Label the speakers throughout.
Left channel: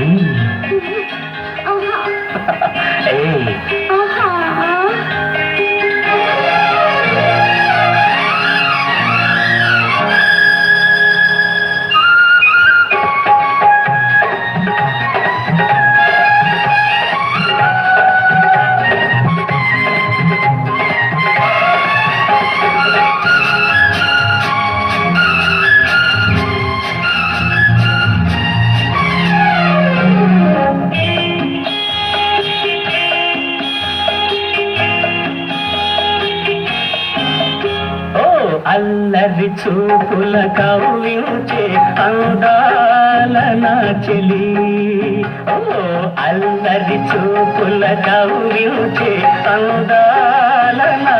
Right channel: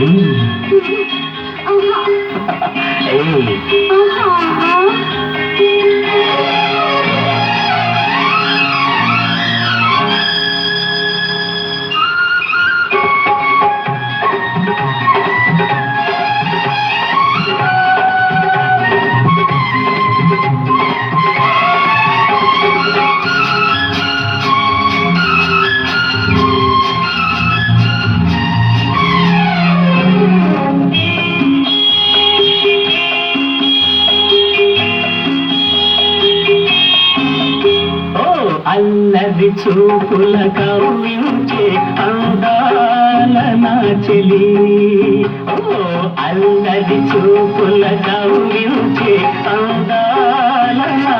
Speaker 1: ఏయ్, ఓ అల్లరి చూపుల కవ్వించే అందాల నాచలి ఓ అల్లరి చూపుల కవ్వించే అందాల నా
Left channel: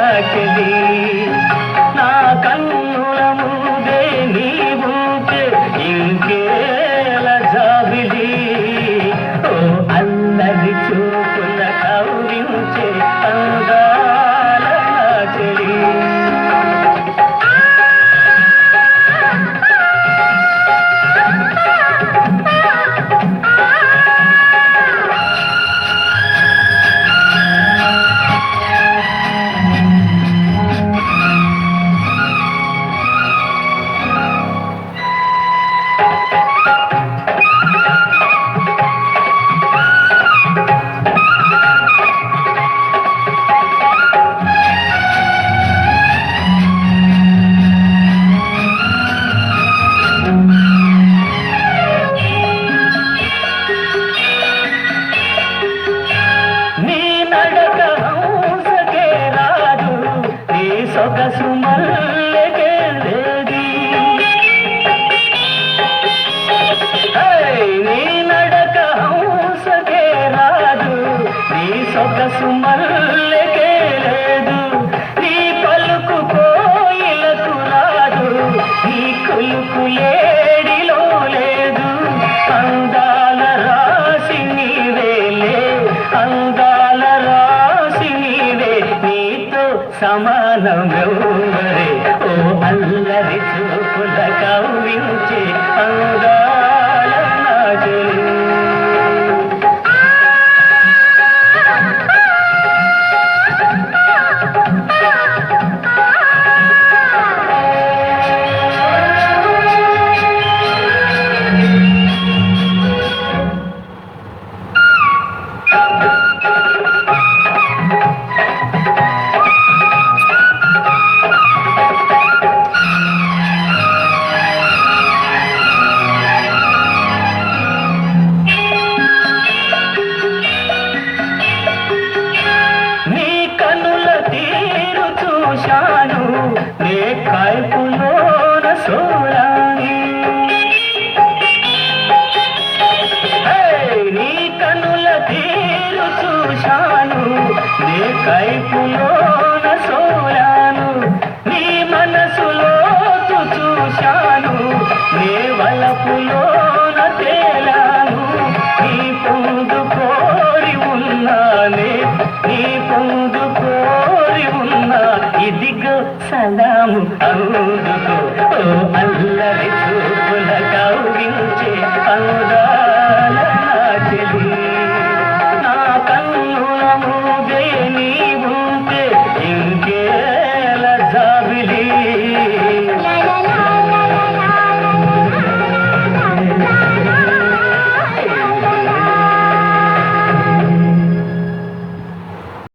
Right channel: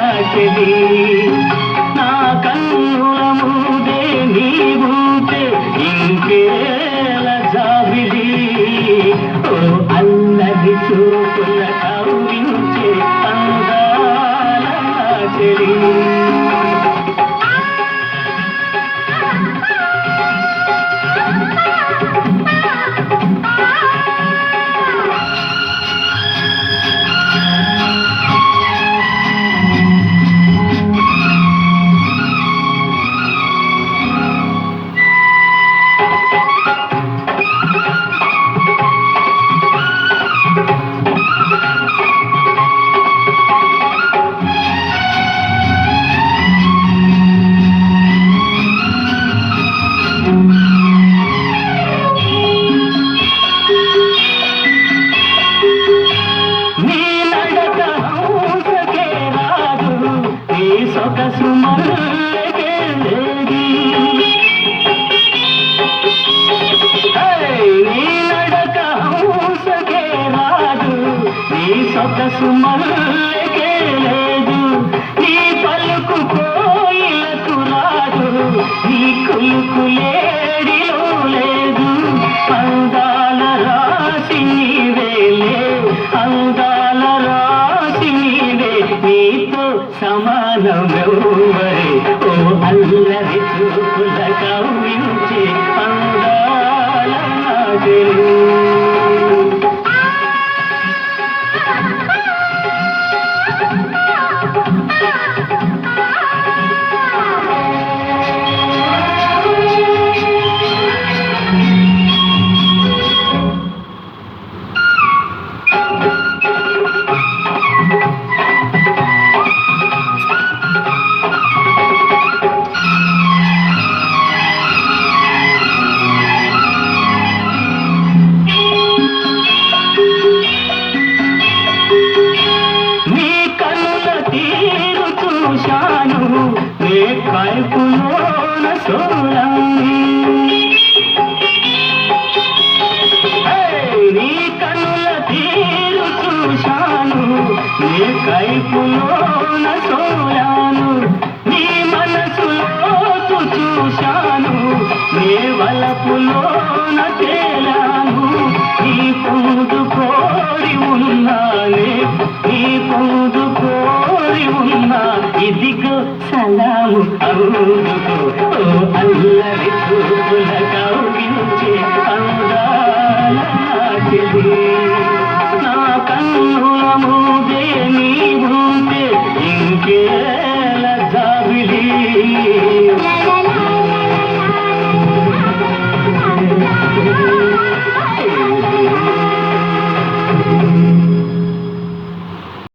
Speaker 1: సొగసు మల్లెకే నీ నడక హంసకే రాదు నీ సొగసు మల్లెకే లేదు నీ పలుకు కోయిలకు రాదు నీ కులుకు లేడిలో లేదు అందాల రాసి నీవేలే అందాల రాసి నీవే నీతో సమానమెవరే ఓ అల్లరి చూపుల కవ్వించే అందాల నాగలు నీ కైపులోన కనుల సోలాను నీ మనసులో చూశాను నే వలపులోన తేలాను నీ కోరి ఉన్నానే నీ పొందు కోరి ఉన్నా సలాము అందుకో ఓ అల్లరి చూపుల